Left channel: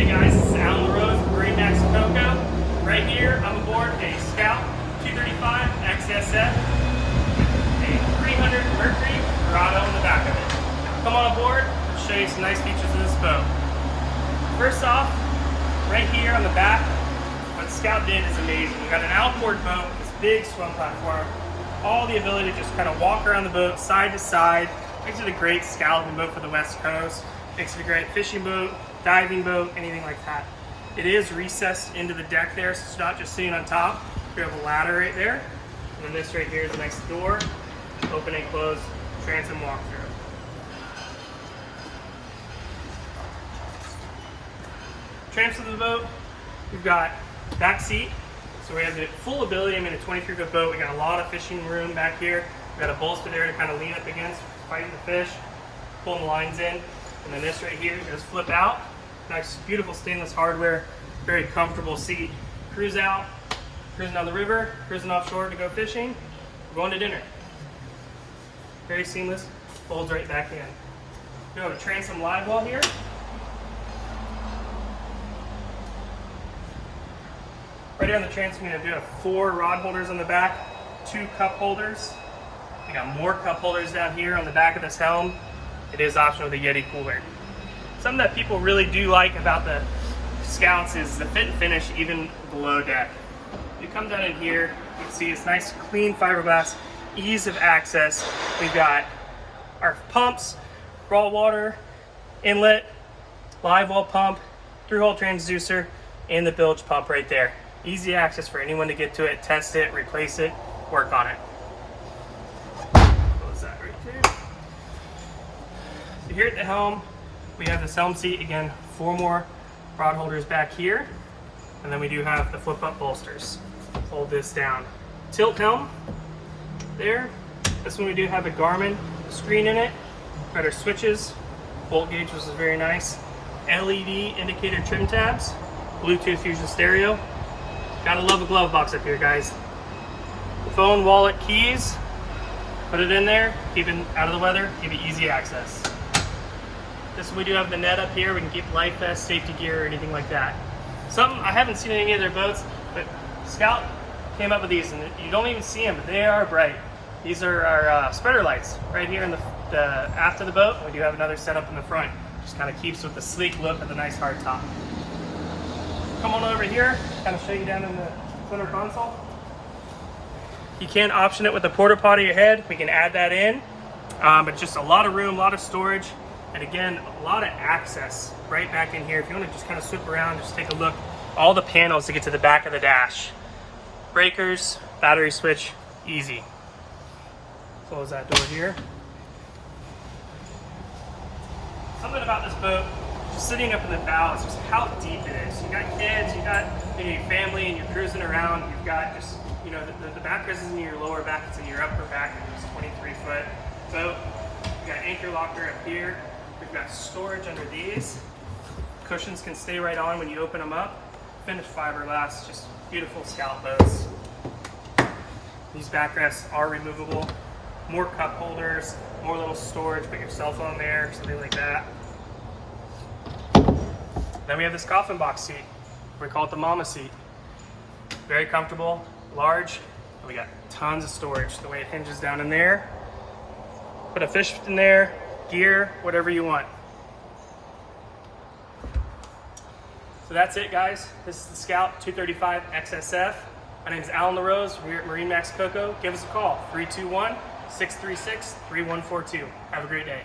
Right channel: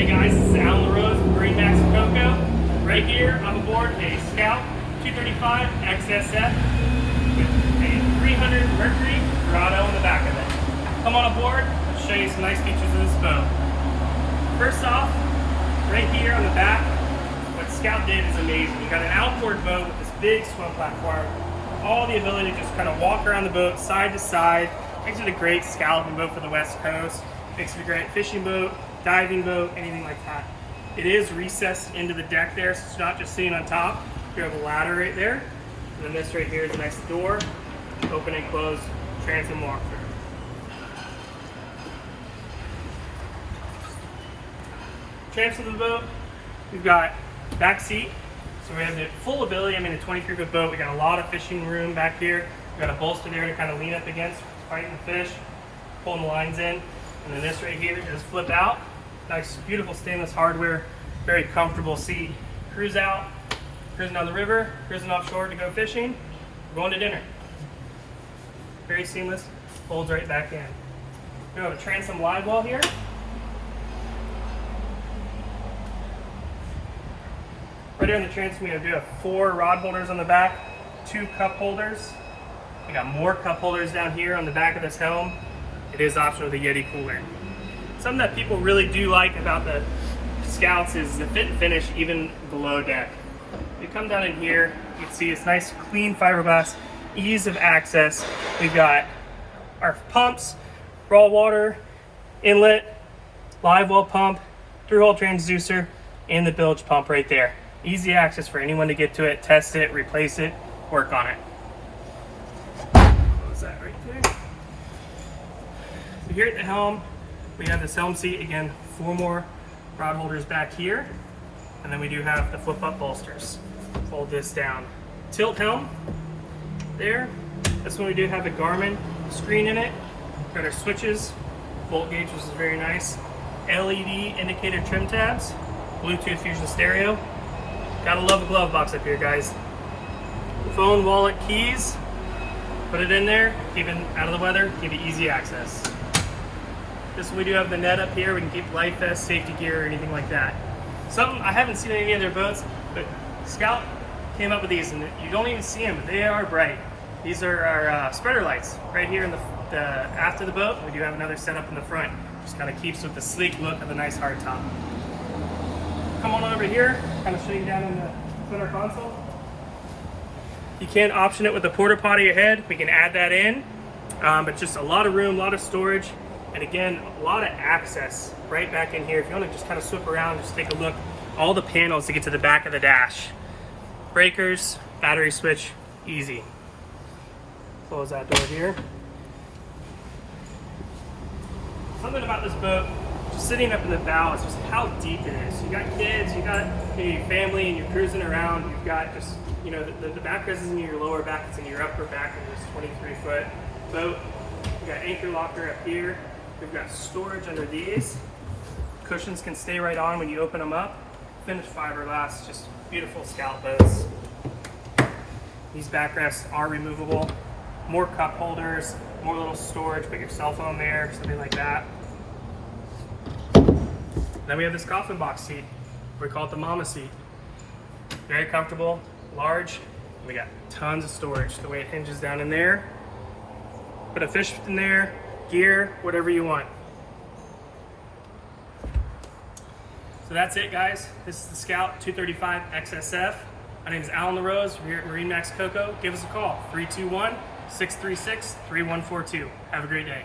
Hey guys, this is Alan LaRose from MarineMax Coco. Right here, I'm aboard a Scout 235 XSF with a 300 Mercury Grotto in the back of it. Come on aboard, I'll show you some nice features of this boat. First off, right here on the back, what Scout did is amazing. We've got an outboard boat with this big swim platform. All the ability to just kind of walk around the boat side to side. Makes it a great scalloping boat for the West Coast. Makes it a great fishing boat, diving boat, anything like that. It is recessed into the deck there, so it's not just sitting on top. You have a ladder right there. And then this right here is a nice door, open and close transom walkthrough. Tramps of the boat, we've got back seat. So we have the full ability, a 23-foot boat. We got a lot of fishing room back here. We got a bolster there to kind of lean up against, fighting the fish, pulling the lines in. And then this right here is flip out. Nice, beautiful stainless hardware, very comfortable seat. Cruise out, cruising down the river, cruising offshore to go fishing. We're going to dinner. Very seamless, folds right back in. We have a transom live wall here. Right here on the transom, we do have 4 rod holders on the back, 2 cup holders. We got more cup holders down here on the back of this helm. It is optional with a Yeti cooler. Something that people really do like about the Scouts is the fit and finish even below deck. You come down in here, you can see it's nice clean fiberglass, ease of access. We've got our pumps, raw water, inlet, live well pump, through-hole transducer, and the bilge pump right there. Easy access for anyone to get to it, test it, replace it, work on it. What was that right there? So here at the helm, we have this helm seat, again, 4 more rod holders back here, and then we do have the flip-up bolsters. Fold this down. Tilt helm, there. This one we do have a Garmin screen in it. Got our switches, volt gauge, which is very nice. LED indicator trim tabs, Bluetooth fusion stereo. Gotta love the glove box up here, guys. Phone, wallet, keys, put it in there, keep it out of the weather, give it easy access. This we do have the net up here. We can keep life vest, safety gear, or anything like that. Something I haven't seen in any other boats, but Scout came up with these, and you don't even see them, but they are bright. These are our spreader lights right here in the aft of the boat. We do have another setup in the front. Just kind of keeps with the sleek look of the nice hardtop. Come on over here, kind of show you down in the center console. You can option it with the porta potty ahead. We can add that in, but just a lot of room, a lot of storage. And again, a lot of access right back in here. If you want to just kind of swoop around, just take a look. All the panels to get to the back of the dash. Breakers, battery switch, easy. Close that door here. Something about this boat, just sitting up in the bow, is just how deep it is. You got kids, you got your family, and you're cruising around. You've got just, you know, the backrest isn't in your lower back, it's in your upper back in this 23-foot boat. We got anchor locker up here. We've got storage under these. Cushions can stay right on when you open them up. Finished fiberglass, just beautiful Scout boats. These backrests are removable. More cup holders, more little storage, put your cell phone there, something like that. Then we have this coffin box seat. We call it the mama seat. Very comfortable, large. We got tons of storage. The way it hinges down in there. Put a fish in there, gear, whatever you want. So that's it, guys. This is the Scout 235 XSF. My name is Alan LaRose. We're here at MarineMax Coco. Give us a call, 321-636-3142. Have a great day.